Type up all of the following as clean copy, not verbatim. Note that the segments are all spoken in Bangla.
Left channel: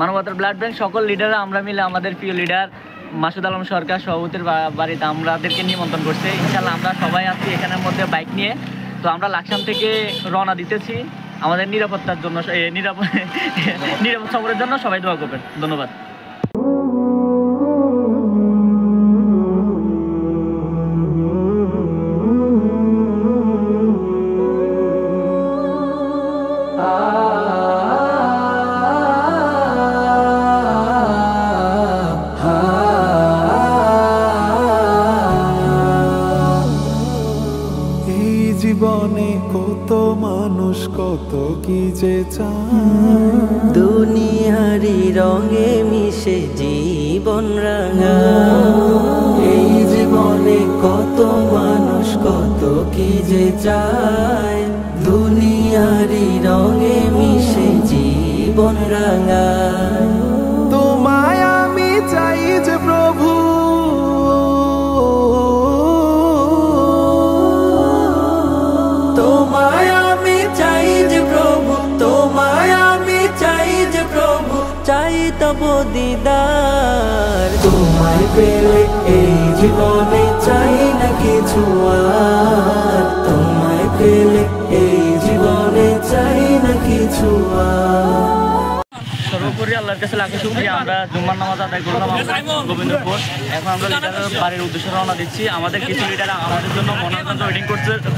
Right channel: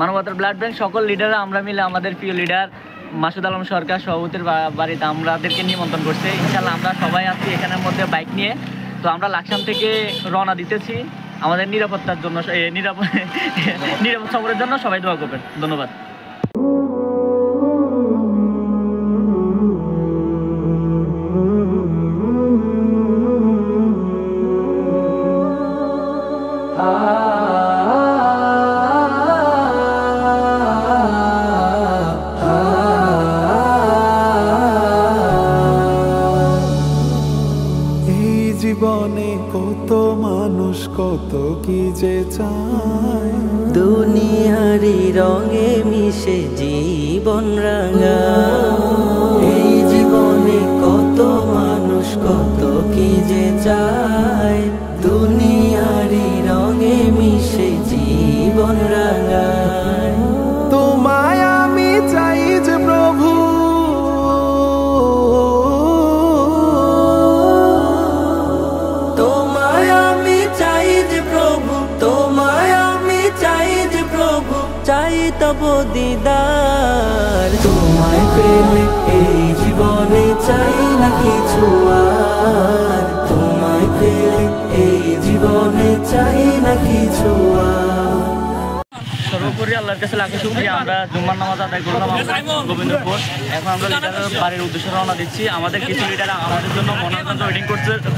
মানবতার ব্লাড ব্যাংক সকল লিডাররা আমরা মিলে আমাদের প্রিয় লিডার মাসুদ আলম সরকার সভাপতির বাড়িতে আমাদেরকে নিমন্ত্রণ করছে। ইনশাল্লাহ আমরা সবাই আছি এখানের মধ্যে বাইক নিয়ে। তো আমরা লাকসাম থেকে রওনা দিতেছি আমাদের নিরাপত্তার জন্য, নিরাপদ সফরের জন্য সবাই দোয়া করবেন। ধন্যবাদ। জীবনে কত মানুষ কত কি যে চায়, দুনিয়ারি রঙে মিশে জীবন রাঙা। এই জীবনে কত মানুষ কত কি যে চায়, দুনিয়ারি রঙে মিশে জীবন রাঙা। তোমায় আমি চাই যে প্রভু, চাই তব দিদার। তোমায় পেলে এই জীবনে চাই না কিছু আর, তোমায় পেলে এই জীবনে চাই না কিছু আর। সর্বোপরি আল্লাহর কাছে লাখো শুকরিয়া। আমরা জুম্মার নামাজ আদায় করলাম গোবিন্দপুর। এখন আমরা লিডারের বাড়ির উদ্দেশ্যে রওনা দিচ্ছি। আমাদের কিছু লিডার আমাদের জন্য মনোরঞ্জন ওয়েটিং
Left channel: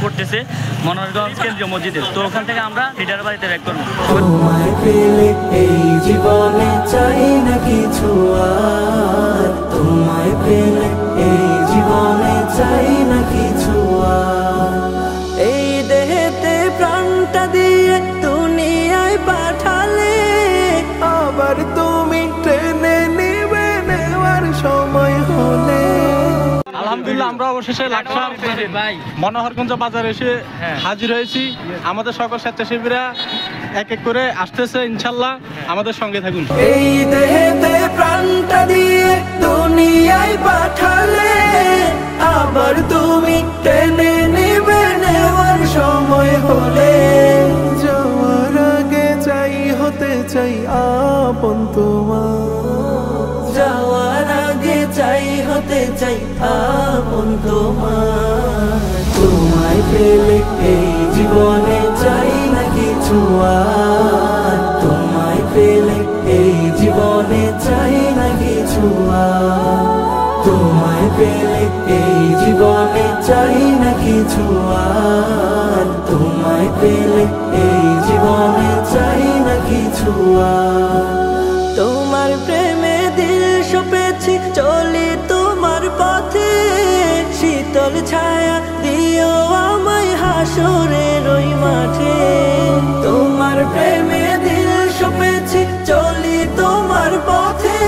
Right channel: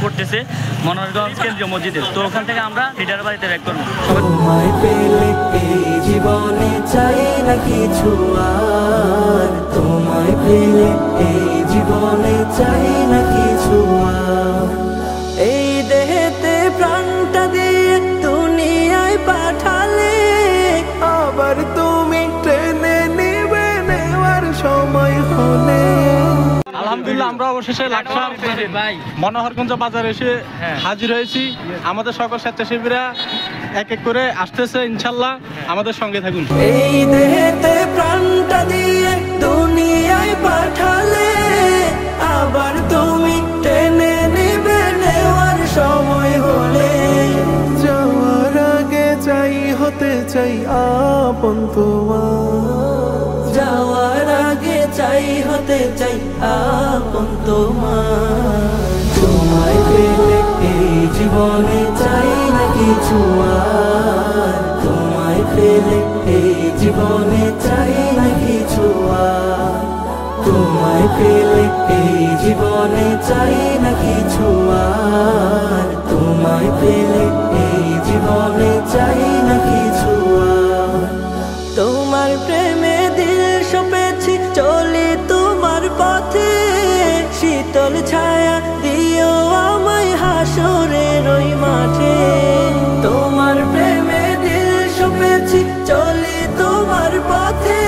করতেছে মনোরঞ্জন কেন্দ্রীয় মসজিদে। তো ওখান থেকে আমরা লিডারের বাড়িতে ব্যাক করবো। তোমায় পেলে এই জীবনে চাই না কিছু আর, তোমায় পেলে এই জীবনে চাই না কিছু আর। এই দেহেতে প্রাণটা দিয়ে দুনিয়ায় পাঠালে, আবার তুমি ট্রেনে নিবে নেওয়ার সময় হলে। আলহামদুলিল্লাহ আমরা অবশেষে লাকসাম মনোহরগঞ্জ বাজারে এসে হাজির হয়েছি। আমাদের সকল স্বেচ্ছাসেবীরা এক এক করে আসতেছে, ইনশাল্লাহ আমাদের সঙ্গে থাকুন। এই দেহেতে প্রাণটা দিয়ে দুনিয়ায় পাঠালে, আবার তুমি টেনে নিবে নেওয়ার সময় হলে। যাওয়ার আগে চাই হতে চাই আপন তোমার, যাওয়ার আগে চাই হতে চাই আপন তোমার। তোমায় পেলে এই জীবনে চাই না কিছু আর, তোমায় পেলে এই জীবনে চাই না কিছু আর, তোমায় পেলে এই জীবনে চাই না কিছু আর, তোমায় পেলে এই জীবনে চাই না কিছু আর। তোমার প্রেমে দিল সপেছি চলি তোমার পথে, শীতল ছায়া দিও আমায় হাসরের ওই মাঠে। তোমার প্রেমে দিল সপেছি চলি তোমার পথে,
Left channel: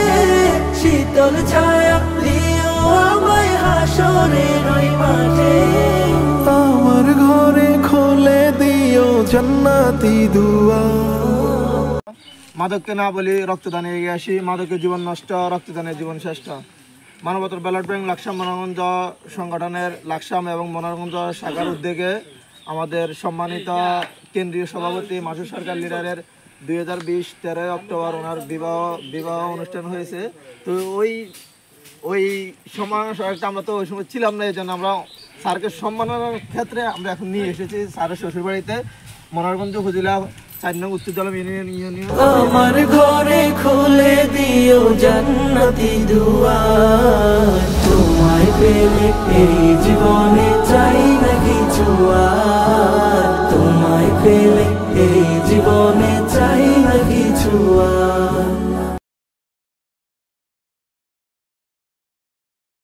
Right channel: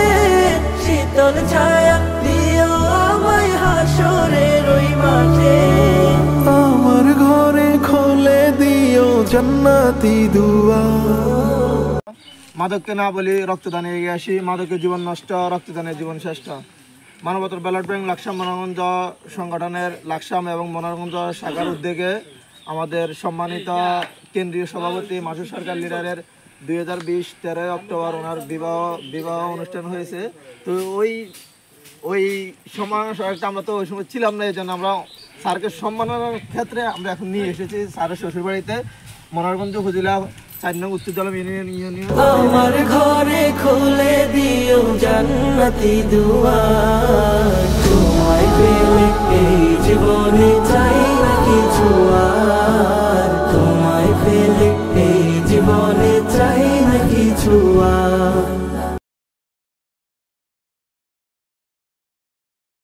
শীতল ছায়া দিও আমায় হাসরের ওই মাঠে। আমার ঘরে খোলে দিও জান্নাতি দুয়ার। মাদককে না বলি রক্তদানে এগিয়ে আসি, মাদকের জীবন নষ্ট, রক্তদানের জীবন শ্রেষ্ঠ। মানবতার ব্লাড ব্যাংক লাকসাম মনোরঞ্জ সংগঠনের লাকসাম এবং মনোরঞ্জ শাখার উদ্যোগে আমাদের সম্মানিত কেন্দ্রীয় সভাপতি মাসুদ সরকার লিডারের 2020 13 অক্টোবর ওনার বিবাহ অনুষ্ঠান হয়েছে। তো ওই সময় আমরা তো ওই সময় ছিলাম না, এই জন্য আমরা স্যারকে সম্মাননার ক্ষেত্রে আমরা এখন নিয়ে এসেছি স্যারের শ্বশুরবাড়িতে মনোরঞ্জ উপজেলা 4 নং উত্তরদলম ইউনিয়ন। আমার ঘরে খুলে দিও জান্নাতি দুয়ার, তোমায় পেলে এই জীবনে চাই না কিছু আর, তোমায় পেলে এই জীবনে চাই না কিছু আর।